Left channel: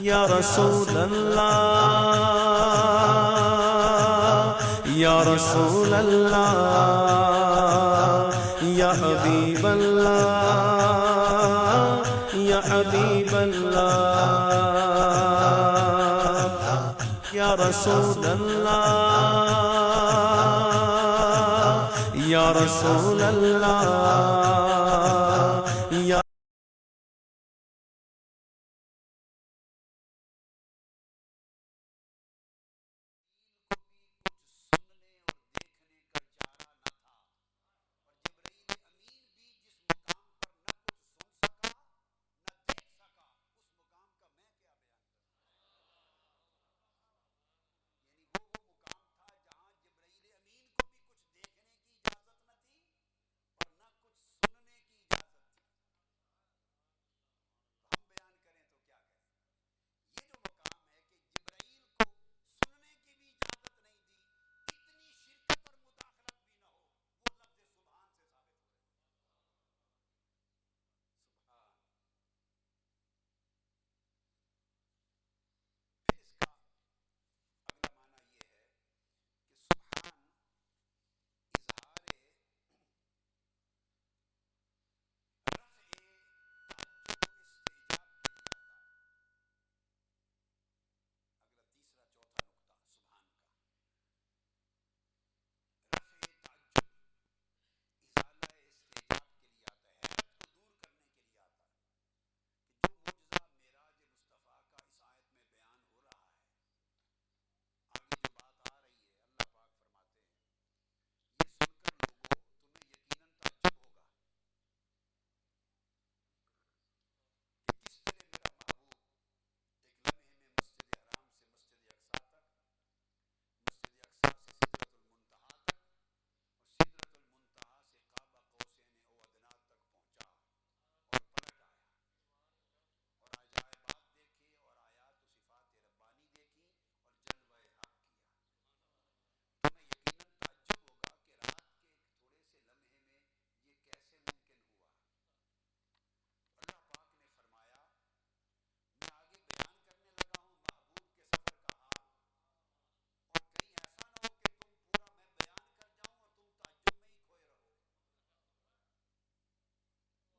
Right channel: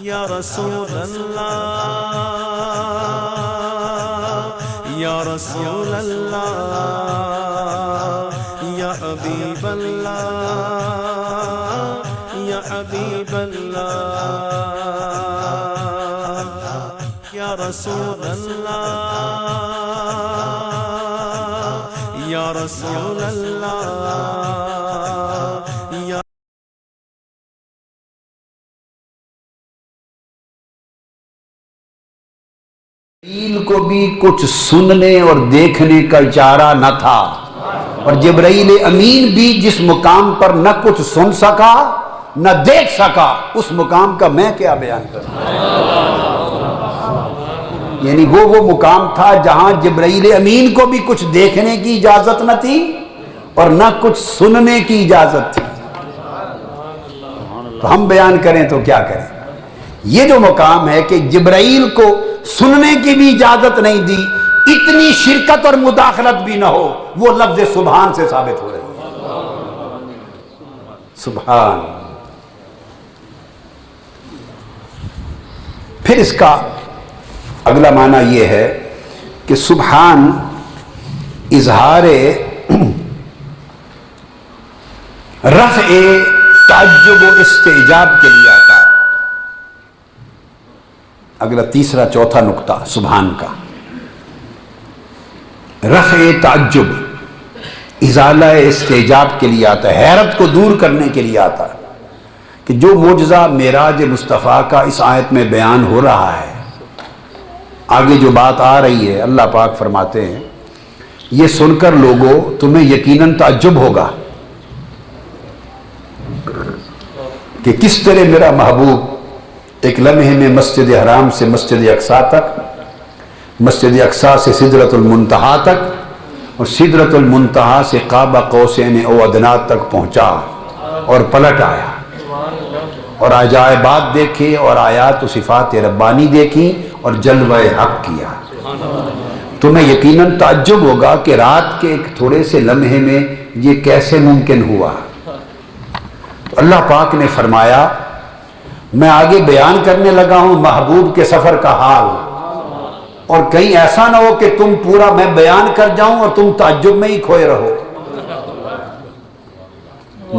یا رسول اللہ یا رسول اللہ یا حبیب اللہ یا حبیب اللہ یا رسول اللہ یا رسول اللہ یا جبرائیل کو بھی کچھ سننے اور دیکھنے کا اشارہ نہ تھا، اور جبرائیل امین بھی جس مقام پر نہ کچھ سن سکا نہ دیکھ سکا، اس مقام کا میں کیا بیان کروں؟ یعنی وہ مقام تھا جہاں جبرائیل امین کو بھی کچھ دیکھنے کی اجازت نہ تھی اور نہ کچھ سننے کی اجازت تھی، تو ہم بیان کریں تو کیا کریں؟ یہ جو مقام ہے کہ جبرائیل کو سننے کی بھی اجازت نہیں دی، اتنی شرکت اور مداخلت بھی نہ ہو، وہ لفظ سبحان سے ثابت ہو رہی ہے۔ سبحان۔ پھر اس کا اگلا معنی یہ ہے کہ سبحان اظہار رفع تعجب و استعجاب کے لیے آتا ہے۔ اگلا تیسرا چوتھا نقطہ سبحان کا، رفع تعجب، ازالہ استعجاب کے لیے آتا ہے، حیرت کو دور کرنے کے لیے آتا ہے کہ جو معجزہ معراج مصطفیٰ کا اس آیت میں بیان ہو رہا ہے، آگے جو بات آ رہی ہے، اللہ پاک فرماتے ہیں یہ سن کر لوگوں تمہیں یقیناً تعجب ہوگا کہ کس طرح میرا محبوب ایک لمحے میں مسجد حرام سے مسجد اقصیٰ تک، مسجد اقصیٰ سے سدرۃ المنتہا تک، اور سدرۃ المنتہا سے قاب قوسین او ادنیٰ تک پہنچا اور پلٹ آیا، اور عجائبات دیکھے اور آیات و صفات ربانی دیکھی اور جلوہ حق کیا۔ تمہیں یقیناً تعجب ہوگا کہ رات کے ایک تھوڑے سے لمحے میں یہ کیسے ممکن ہوا۔ تو اللہ پاک نے فرمایا میں آگے بیان کرنے لگا ہوں محبوب کے سفر کا حال، اور کہیں ایسا نہ ہو کہ تم پورا میں بیان کر جاؤں اور تم تعجب میں ہی کھوئے رہو۔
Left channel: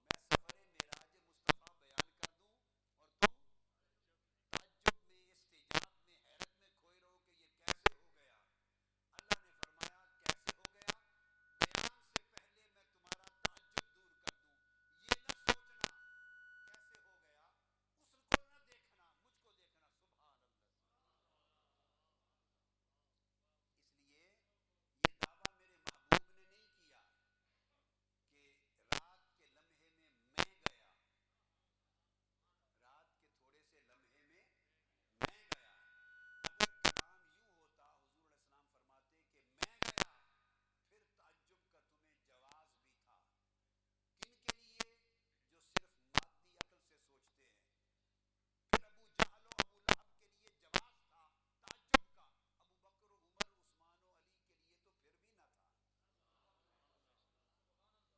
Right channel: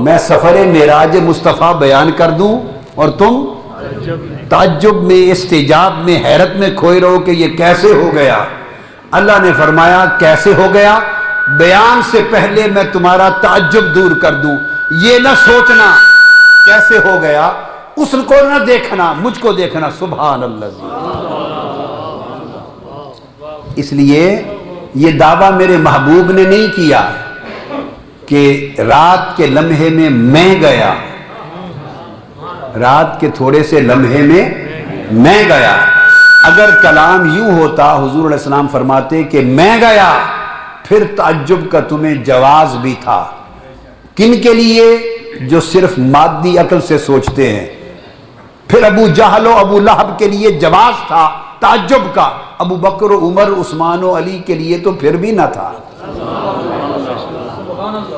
میں سفر معراج مصطفیٰ بیان کر دوں اور تم تعجب میں، استعجاب میں، حیرت میں کھوئے رہو کہ یہ کیسے ہو گیا۔ اللہ نے فرمایا کیسے ہو گیا؟ بیان سے پہلے میں تمہارا تعجب دور کر دوں، یہ نہ سوچنا کیسے ہو گیا، اس کو نہ دیکھنا، مجھ کو دیکھنا۔ سبحان اللہ۔ اس لیے یہ دعویٰ میرے محبوب نے نہیں کیا کہ رات کے لمحے میں میں گیا، رات کے تھوڑے سے لمحے میں میں گیا۔ اگر کلام یوں ہوتا حضور علیہ السلام فرماتے کہ میں گیا، پھر تعجب کا تمہیں جواز بھی تھا۔ کن کے لیے؟ جو صرف مادی عقل سے سوچتے ہیں۔ پھر ابو جہل و ابو لہب کے لیے جواز تھا تعجب کا، ابو بکر و عمر عثمان و علی کے لیے تو پھر بھی نہ تھا۔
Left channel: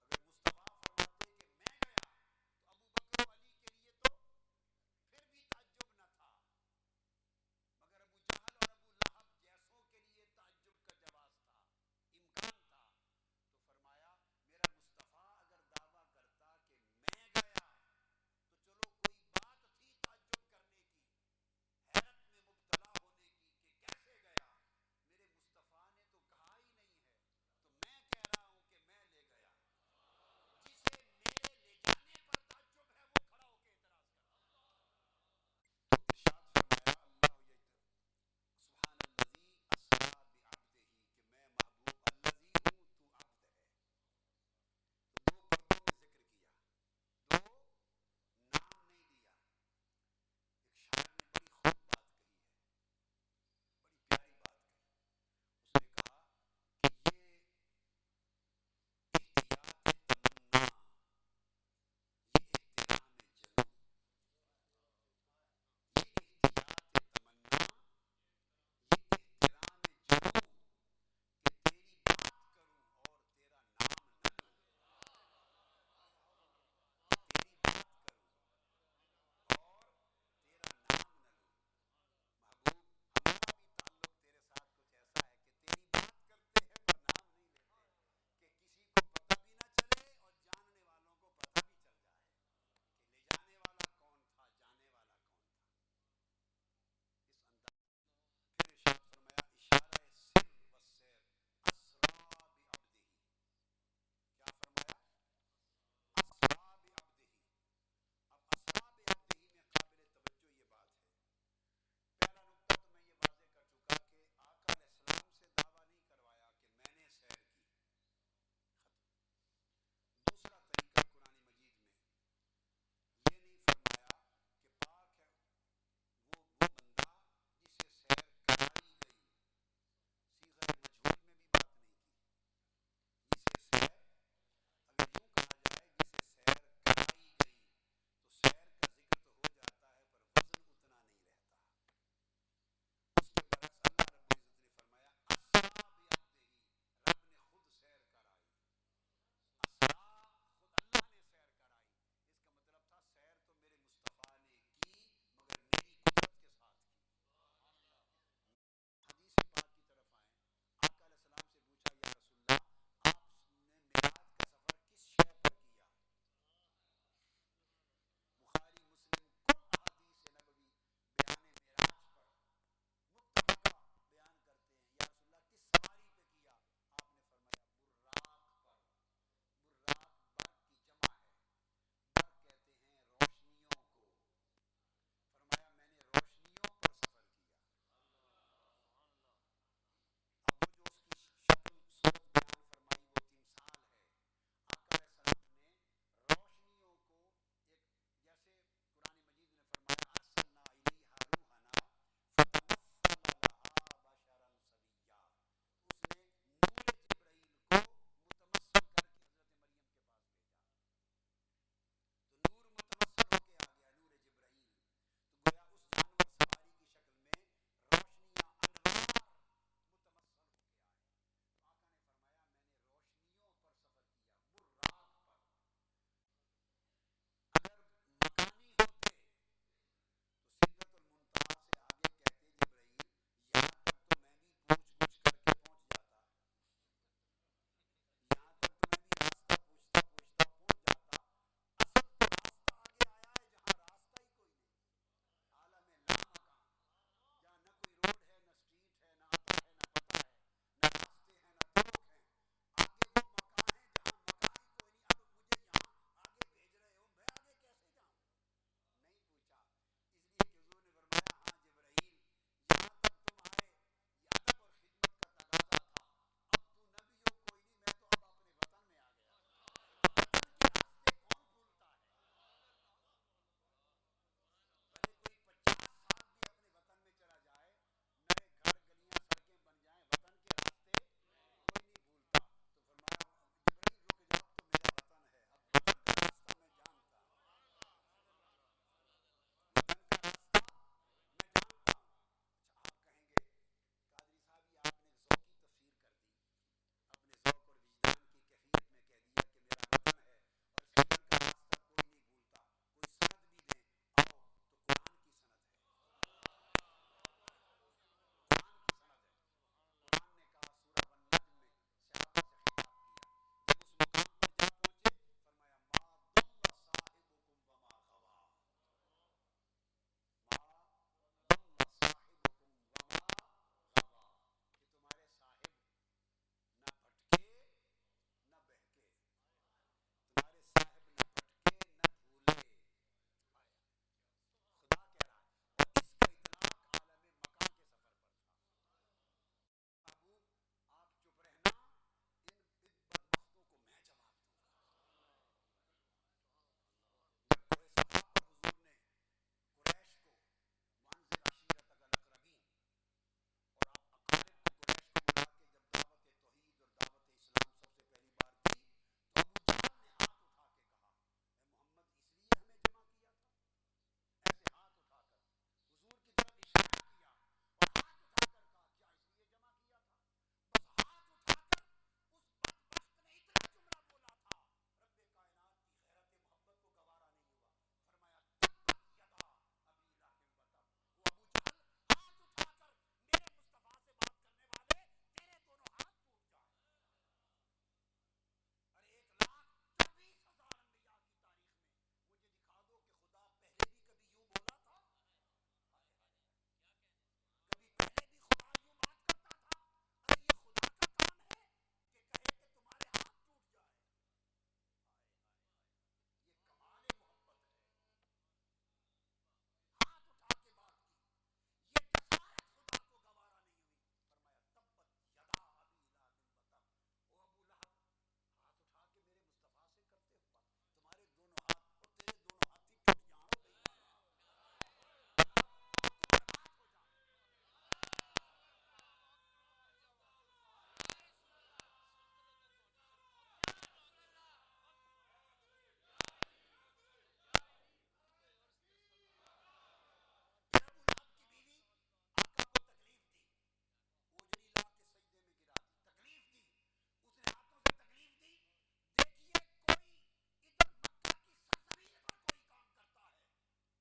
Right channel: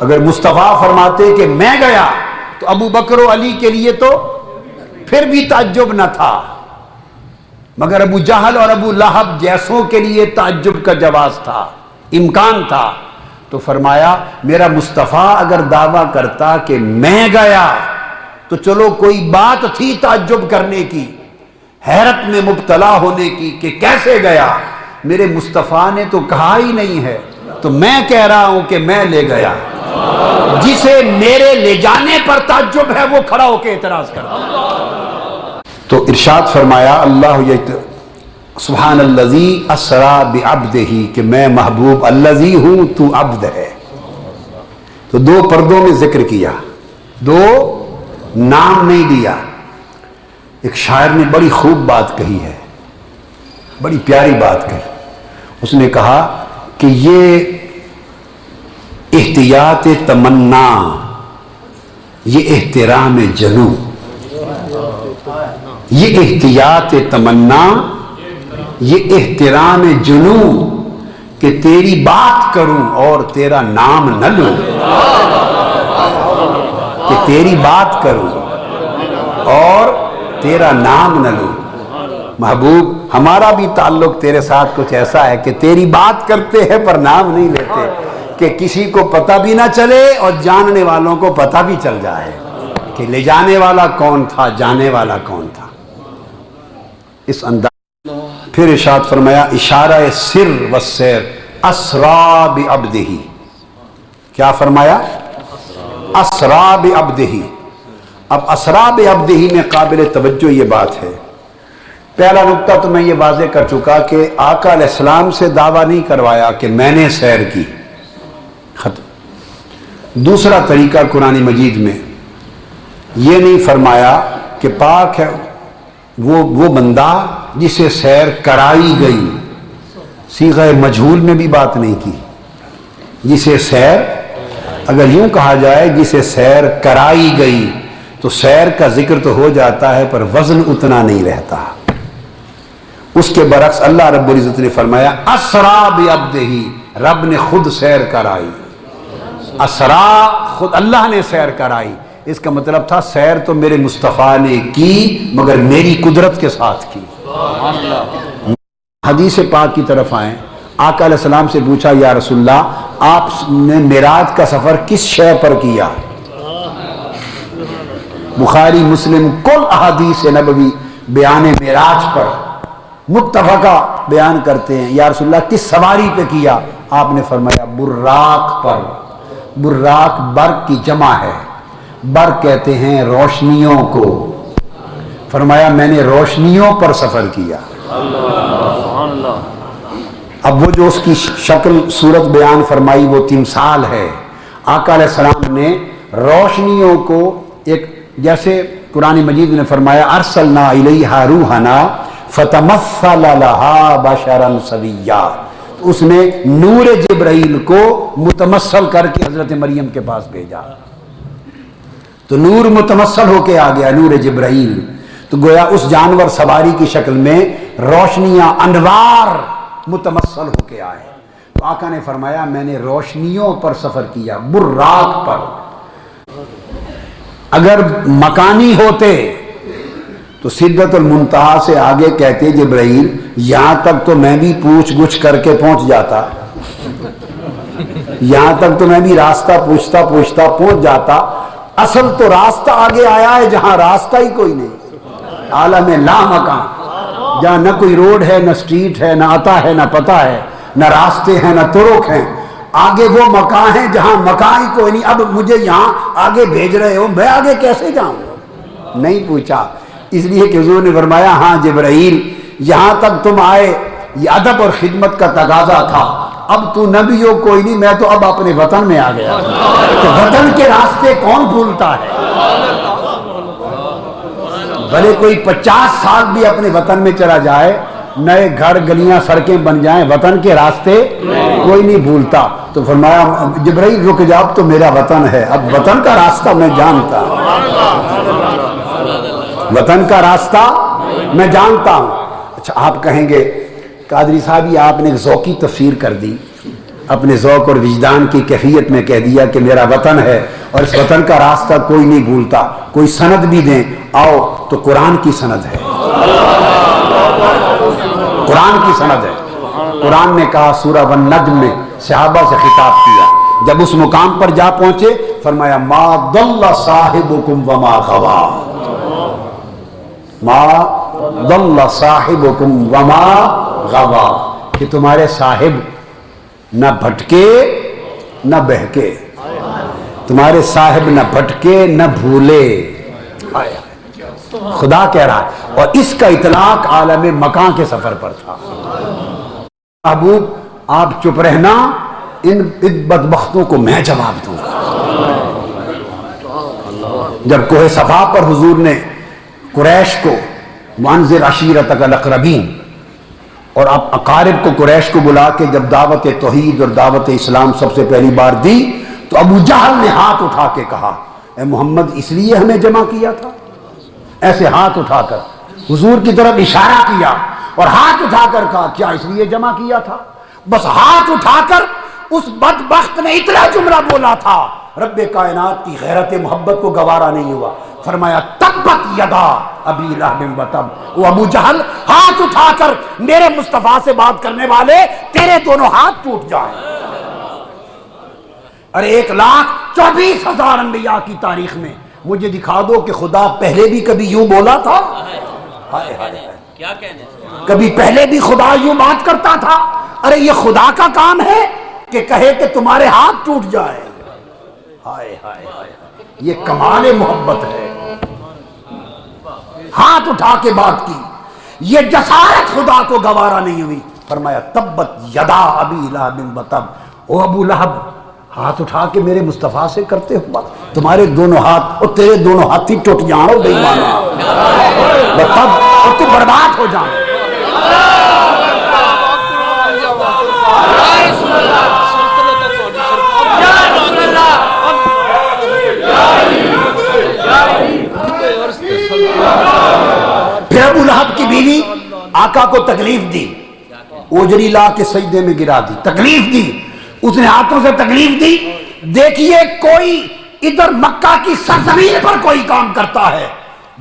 اگر مصطفیٰ فرماتے کہ میں گیا تو ابو بکر و علی کے لیے تو پھر بھی تعجب نہ تھا، مگر ابو جہل اور ابو لہب جیسوں کے لیے تعجب کا جواز تھا، امکان تھا۔ تو فرمایا میرا مصطفیٰ اگر دعویٰ کرتا کہ میں گیا تو چلو کوئی بات تھی تعجب کرنے کی، حیرت میں مبتلا ہونے کی کہ کیسے گیا۔ میرے مصطفیٰ نے تو کہا ہی نہیں ہے، تو میں کہہ رہا ہوں کہ میں لے گیا۔ جسے میرے لے جانے پر تعجب ہے وہ کھڑا ہو کے اعتراض کرتا۔ تو ارشاد فرمایا اللہ سبحان الذی اسرا بعبدہ کہ میں محبوب الذی ہوں، تو عبد ہے۔ تو دو پردوں میں ذکر کیا، دو نام نہیں دیا۔ ایک شاعر نے بڑی خوب بات کہی ہے، بڑی پیاری بات کہی۔ اس نے کہا کہ یہ احتیاط تمنا، یہ احترام جنوں، یہ احتیاط تمنا، یہ احترام جنوں کہ تیری بات کروں اور تیرا نام نہ لوں، کہ تیری بات کروں اور تیرا نام نہ لوں۔ محبوب ہمارا بھی تعلق تیرے ساتھ کچھ ایسا ہے کہ تیری بات کرتے ہیں پر نام نہیں لیتے، کہ کسی کو پتہ بھی نہ چلے اور جاننے والوں کو پتہ بھی چل جائے کہ لے جانے والا کون تھا، جانے والا کون تھا۔ اس انداز پھر ارشاد فرمایا اشارہ سر و سیر اسرا بعبدہ، کیا فرمایا؟ اسرا بعبدہ۔ اب اسرا بعبدہ میں قابل توجہ یہ بات ہے، پہلا نقطہ تو میں یہ واضح کر چکا کہ آقا علیہ السلام سے دعویٰ نہیں کروایا کہ میں نے سیر کی، ختم۔ دوسرا طریقہ قرآن مجید میں یہ نہیں فرمایا کہ پاک ہے وہ بندہ جسے سیر کرائی گئی، صیغہ مجہول میں بھی بات نہیں کی، جسے سیر، اگر یوں کہا جائے جسے سیر کرائی گئی تو سیر کا ذکر تو ہو جاتا ہے پر وزن اتنا نہیں رہتا۔ اس کے برعکس اللہ رب العزت نے فرمایا اسرا بعبدہ، رب نے خود سیر کرائی، اسرا خود اللہ نے سیر کرائی۔ اس کا مطلب تھا سیر تو میرے مصطفیٰ نے کی مگر میری قدرت کے ساتھ کی۔ حدیث پاک کی طرف آئیں، آقا علیہ السلام سے پوچھا یا رسول اللہ آپ نے معراج کا سفر کس شے پر کیا؟ بخاری مسلم کل احادیث نبوی بیان معراج پر متفقہ بیان کرتے ہیں۔ یا رسول اللہ کس سواری پہ کیا؟ آپ نے فرمایا براق پر۔ براق برق کی جمع ہے، برق کہتے ہیں روشنیوں کو، فرمایا میں نے روشنیوں پر سفر کیا۔ اب وہ جو اس کی شکل صورت بیان فرمائی وہ تمثال ہے، آقا علیہ السلام نے روشنیوں کو ایک، جیسے قرآن مجید نے فرمایا ارسلنا الیہا روحنا فتمثل لہا بشرا سویا، اس نے نور جبرائیل کو متمثل کر کے حضرت مریم کے پاس بھیجا، تو نور متمثل ہو کے آ گیا، نور جبرائیل، تو گویا اس جانور سواری کی شکل میں روشنیاں انوار متمثل ہو کے آئے۔ تو آقا نے فرمایا میں نے روشنیوں پر سفر کیا، براق پر۔ اگر مکانی ہوتے تو سدرۃ المنتہا سے آگے کہتے جبرائیل یہاں تک تو میں بھی پوچھ گچھ کر کے پہنچ جاتا، یہاں تک تو میں بھی راستہ پوچھتا پوچھتا پہنچ جاتا، اصل تو راستہ آگے آیا ہے جہاں راستہ ہی کوئی نہیں، عالم لا مکان، جہاں نہ کوئی روڈ ہے، نہ سٹریٹ ہے، نہ عطا ہے، نہ پتہ ہے، نہ راستے ہیں، نہ طرق ہیں، آگے وہ مکان ہے جہاں مکان ہی کوئی نہیں۔ اب مجھے یہاں آگے بھیج رہے ہو، میں آگے کیسے جاؤں؟ نہیں پوچھا، اس لیے کہ حضور نے فرمایا ہاں جبرائیل یہاں تک تم آئے یہ ادب اور خدمت کا تقاضا تھا، اب تو نبی ہو کوئی نہیں، میں تو اب اپنے وطن میں آ گیا، تو وطن کے راستے کون بھولتا ہے؟ بھلے کوئی 50 سال بھی اپنے وطن میں چلا جائے، نئے گھر گلیاں سڑکیں بن جائیں، وطن کے راستے کوئی نہیں بھولتا۔ تو فرمایا جبرائیل رک جا، اب تو میرا وطن ہے، اب وطن کا راستہ میں جانتا ہوں، وطن کا راستہ میں جانتا ہوں۔ اچھا آپ کہیں گے قادری صاحب یہ آپ نے ذوقی تفسیر کر دی، اپنے ذوق اور وجدان کی کیفیت میں کہہ دیا کہ میرا وطن ہے اور اس وطن کا راستہ کوئی نہیں بھولتا، کوئی سند بھی دیں، آؤ تو قرآن کی سند ہے، قرآن کی سند ہے۔ قرآن نے کہا سورہ والنجم میں صحابہ سے خطاب کیا، جب اس مقام پر جا پہنچے فرمایا ما ضل صاحبکم وما غوا، ما ضل صاحبکم وما غوا، کہ تمہارے صاحب نہ بھٹکے نہ بہکے، تمہارے صاحب نہ بھٹکے نہ بھولے، خدا کہہ رہا ہے۔ اور اس کا اطلاق عالم مکان کے سفر پر تھا۔ محبوب آپ چپ رہنا، ان بدبختوں کو میں جواب دوں گا۔ جب کوہ صفا پر حضور نے قریش کو وانذر عشیرتک الاقربین، اور آپ اقارب کو قریش کو بلا کے جب دعوت توحید اور دعوت اسلام سب سے پہلی بار دی تو ابو جہل نے ہاتھ اٹھا کے کہا اے محمد اس لیے ہمیں جمع کیا تھا؟ ایسے ہاتھ اٹھا کر حضور کی طرف اشارہ کیا اور ہاتھ اٹھا کر کہا کیا اس لیے جمع کیا تھا؟ بس ہاتھ اٹھا کر اس بدبخت نے اتنا جملہ بولا تھا، رب کائنات کی غیرت محبت کو گوارا نہیں ہوا، فرمایا تبت یدا ابی لہب و تب، وہ ابو جہل ہاتھ اٹھا کر میرے مصطفیٰ سے بات کرنے والے تیرے دونوں ہاتھ ٹوٹ جائیں۔ ارے 1,24,000 انبیاء کی تاریخ میں مجھے دکھا دو کہ خدا پہلے بھی کبھی یوں بولا تھا؟ ہائے ہائے، کیا کہنے، کبھی پہلے بھی خدا یوں بات کرتا تھا؟ ارے یہ خدا کا کام ہے کہ کہے کہ تمہارے ہاتھ ٹوٹ جائے۔ ہائے ہائے ہائے، یہ کمال محبت ہے۔ ہاتھ اٹھا کے بات کی، یہ جسارت خدا کو گوارا نہیں ہوئی۔ فرمایا تبت یدا ابی لہب و تب، او ابو لہب ہاتھ اٹھا کے میرے مصطفیٰ سے کرتے ہو بات، تمہارے دونوں ہاتھ اور تیرے دونوں ہاتھ ہی ٹوٹ جاؤ بے ایمانا، تب اور تم برباد ہو جاؤ۔ پھر ابو لہب کی بیوی آقا کو تکلیف دی، اوجری لا کے سجدے میں گرا دی، تکلیف دی، اس نے ہاتھوں سے تکلیف دی۔ دیکھیے کوئی ادھر مکہ کی سرزمین پر کوئی کام کرتا ہے،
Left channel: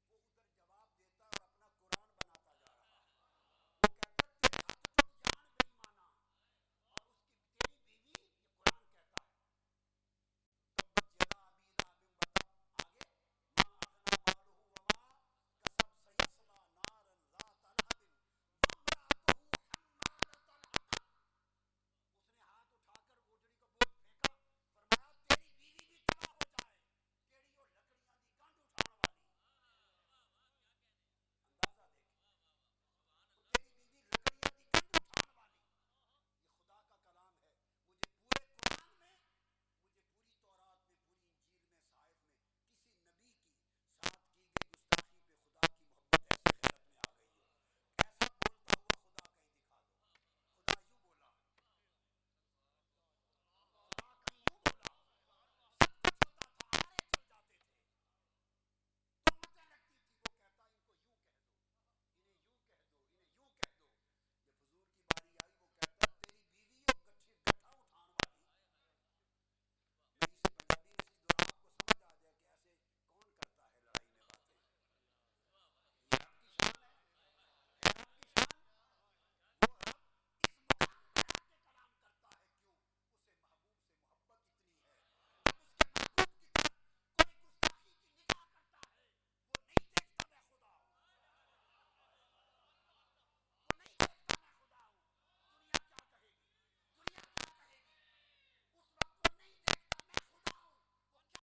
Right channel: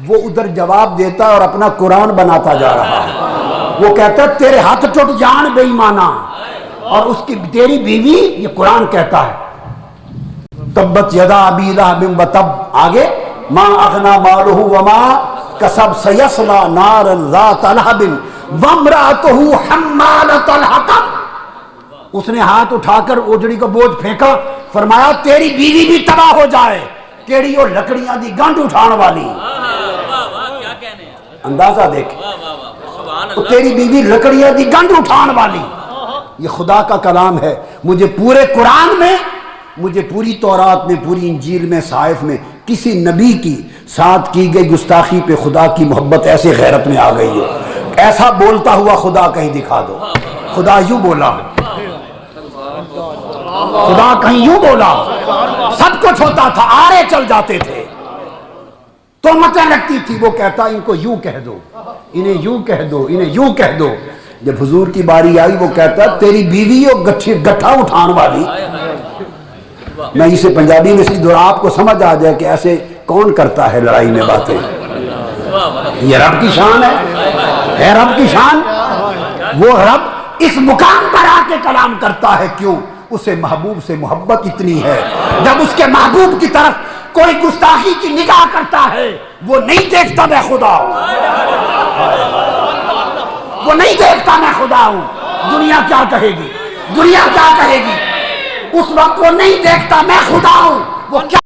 وہ ادھر جواب دیتا ہے اور اپنا قرآن بناتا جا رہا ہے۔ وہ کہتا ہے تیرے ہاتھ ٹوٹ جان بے ایمانا، اور اس کی تیری بیوی، یہ قرآن کہتا ہے تبت یدا ابی لہب و تب، آگے ما اغنا مالہ وما کسب سیصلی نارا ذات لہب وامرأتہ حمالۃ الحطب۔ اس نے ہاتھ اٹھا کر اوجڑی کا بوجھ پھینکا، فرمایا تیری بیوی بھی تباہ ہو جائے، کیڑی اور لکڑیاں دی گنڈ اٹھان والی۔ اندازہ دیکھ، تیری بیوی لکڑیاں دی گنڈ اٹھان والی۔ یہ خدا کا کلام ہے۔ مجھے پورے قرآن میں، مجھے پوری تورات میں، پوری انجیل میں، صحائف میں کسی نبی کی ساتھ کی گئی گستاخی پہ خدا کی محبت ایسے غیرت میں آ گئی ہو، ایسا بولتا ہوا خدا کہیں دکھا دو۔ خدا یوں بولا، خدا کہیں یوں بولا، سب کچھ ہوتا تھا، آرے چل جاتے تھے، تہمتیں لگتی تھی، وہ کہتا ان کو یوں کہہ دو، انہیں یوں کہہ دو، انہیں یوں کہہ دو۔ جب حضور کی باری آئی وہ کہتا تیری بیوی اور گٹھا اٹھان والی۔ میں اسے پنجابی میں سی دورا آپ کو سمجھ آ جائے کہ ایسے کون کرتا ہے لڑائی میں باتیں۔ یہ رب کی شان ہے رب کی شان۔ وہ رب اس مقام پر آ کے کلام کرتا ہے، کیوں؟ اسے محبوب سے محبت اتنی ہے، جب اس کے محبوب کی طرف کوئی گستاخی کی نگاہ کرتا ہے وہ نہیں دیکھتا میں خدا ہوں، وہ نہیں دیکھتا میں خدا ہوں۔ دنیا کیا کہے گی، دنیا کیا کہے گی، اس وقت وہ نہیں دیکھتا میں خدا ہوں، وہ کیا